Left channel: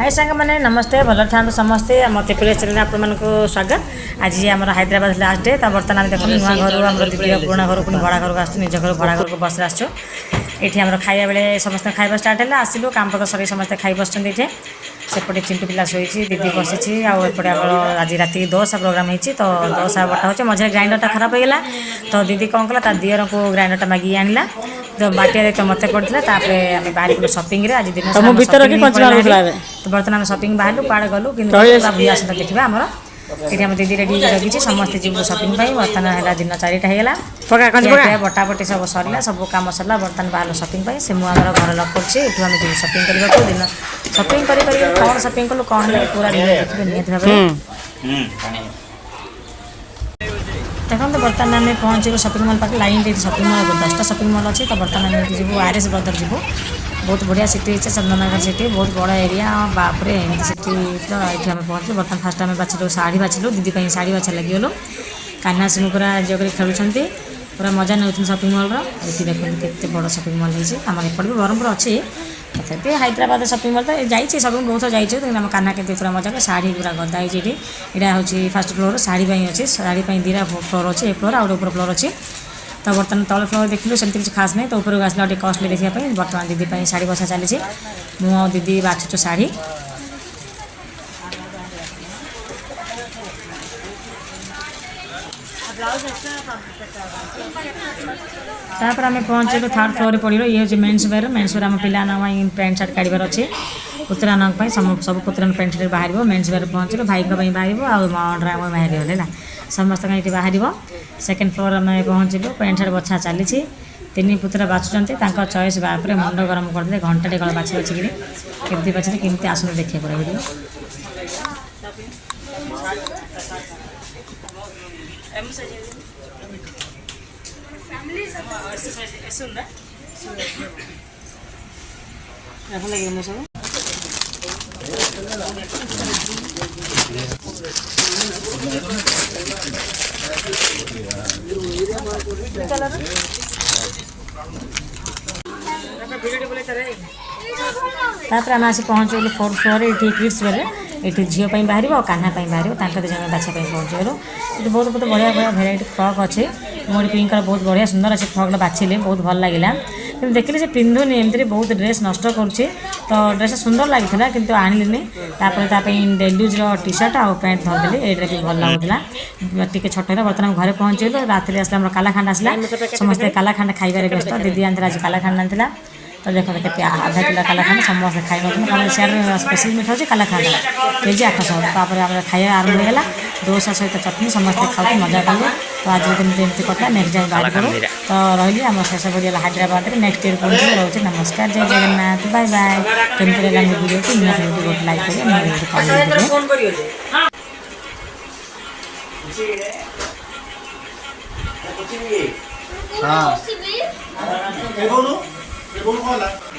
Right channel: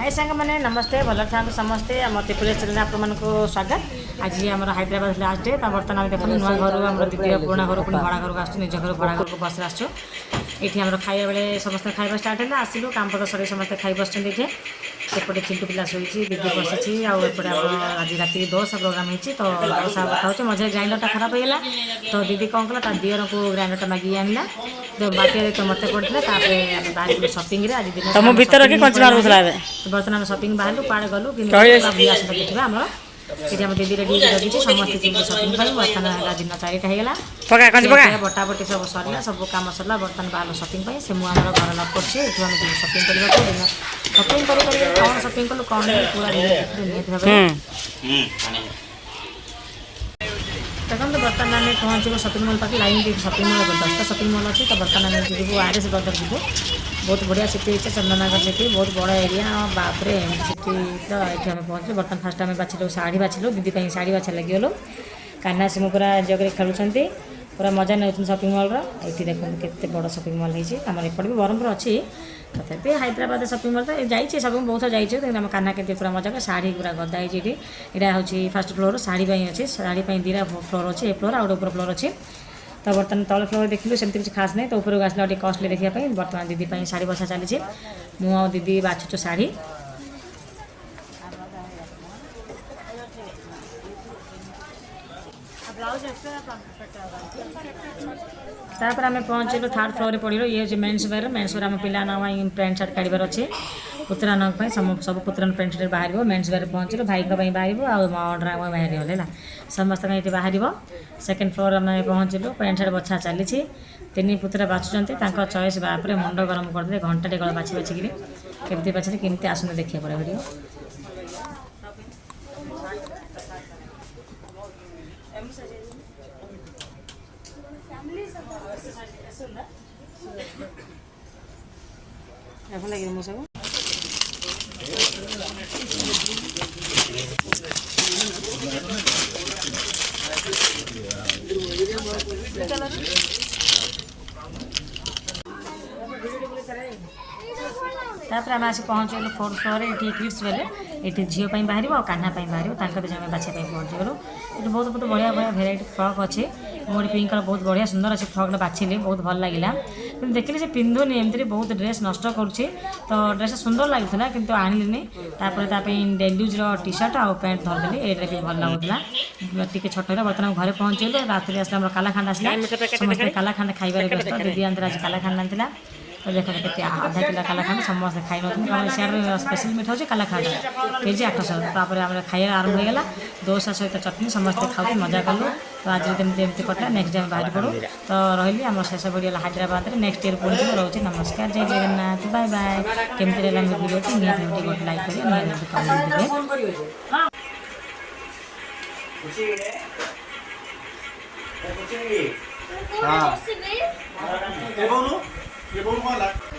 हाय सांग मैंने नमस्ते भल था समस्ते मत प्रिय चैनल आप स्वागत। आज आम हैदराबाद लास्ट डे बर्तमान देखो नुआ घर आम दीदी पुराणा घर पुणी भड़ा घर को आस निज घर भड़ा घर को बस आसो ये आम खाइबा बेले समस्त खाइबा स्टार्ट है आसलु काम पत्र सर समस्त खाई बस ये सेपटे चिंटू पिला शोची दीदी बसी आउटे आज राति दोसा प्रोग्राम होती तो दोसा बटा हो मझे ग्राइंडर खराब हो गला तो दीदी कौन कला दियर को ग्राइंडर मागिक आनला तो बाटे तो मत पड़ता बाहर गलु सपिंग आज दिन तो बर्तमान सपिंग बाहर पाड़ गलु कि देखा आम ये आम दीदी रेडी लगी समस्त जीव सपिंग बर्तमान है दिन 4टा होगा बटाबटी सब सरला सब कम सरला बर्तमान बाहर सपिंग से मुझे घर लक कर आम जी सपिंग करने को दिन सपिंग कौन सपिंग कलु कौन पूरा देखिए निहत भाव देखो तो बर्तमान आम पहुँचे सपिंग मॉल पाखे लाइन दे सपिंग मॉल 10टा सपिंग मॉल अच्छी तो बर्तमान आम जीव आरएस ब्रदर जीव बहुत बढ़िया सिटी है चंदननगर सिटी बहुत बड़ा एरिया बापरे सिटी तो ये आम पहुँचे बर्तमान फास्ट आम बाछिलु शाढ़ी बाछिलु दीदी शाढ़ी बाछा लगिगलु कान्हा सिंह पूरा जगह खेलुंट पूरा मजा नौ सपिंग मॉल ये देखते के बड़ सपिंग मॉल है आम एपट भी ब्रह्मपुर अच्छी तथे हैदराबाद सपिंग मॉल तो जाइए सब बहुत जाइए आम कान्हा के पूरा मजा शाढ़ी पूरा गदा है यहाँ हूँ फास्ट फ्लोर शाढ़ी अच्छी शाढ़ी दीटा फ्लोर अच्छे ए फ्लोर आउ ऊपर फ्लोर अच्छी तो बर्तमान तल फ्लोर देखिए से किसी खास नहीं तो ऊपर आसला गोटे कस्टली देखापी बर्तमान दीदी शाढ़ी बसा चली मु दीदी बाछुचु शाढ़ी तापर आम पहुँचे 3rd फ्लोर पड़ो ये हूँ मेन्स वेयर आम पिला पैंट सार्ट काढ़ार अच्छे पुतरा सब पुतरा पैंट सार्ट बाहर मेन्स वेयर पहुँचे भाई बाहर आम बाहर है समस्त ये बाहर 2nd फ्लोर आम पहुँचलु पैंट सार्ट बछा चली 3 पुतरा बाछुंट चॉइस बापर मुंड गरम करदे घंटे कल बाछी बाछिकी केमती बाछे केमती आसन देखिए पड़े तापर आम आसी पहुँचलु 4th फ्लोर ये किड्स वेयर ये झील बाहर और कान्हा बाहर जन बाछा पहुँचलु ये बहुत बहुत बढ़िया बढ़िया भेराइटी फ्रक अच्छे मोर पिंक बहुत बढ़िया सुंदर अच्छे फ्रक बाछिले बहुत भल लगे देखिले से पिंधुनी एमती बहुत ड्रेस नष्ट करुच्ची तो ड्रेस सुंदर लगी किंतु आनिली डेलुज टी शर्ट आउ पैंट धरदेली ये भी भल लगुला टी छोट बर्तमान घर पहुँचल रात आसला कालाखांड आसला समस्त कालाखांड खाइबार व्यस्त दीदी आनी आज कालाखांड आनी तो देखो के आधा किलो कालाखांड समस्त खाई ना सियार स्पेशल मीठा हो कालाखांड केजी 800 तापर आम खाଇବା आरंभ होगा दोसा सहित चटनी समस्त खाऊ मजा कलु तो आज दिन एमती कटा नेक्स्ट टाइम बाहर करूँ तो रही आम शेष पड़ा हैदराबाद में नेक्स्ट ईयर पहुँचे रोचे नमस्कार जय जगन्नाथ बाय बाय केमती लगा वीडियो को निहत गोटे लाइक करें।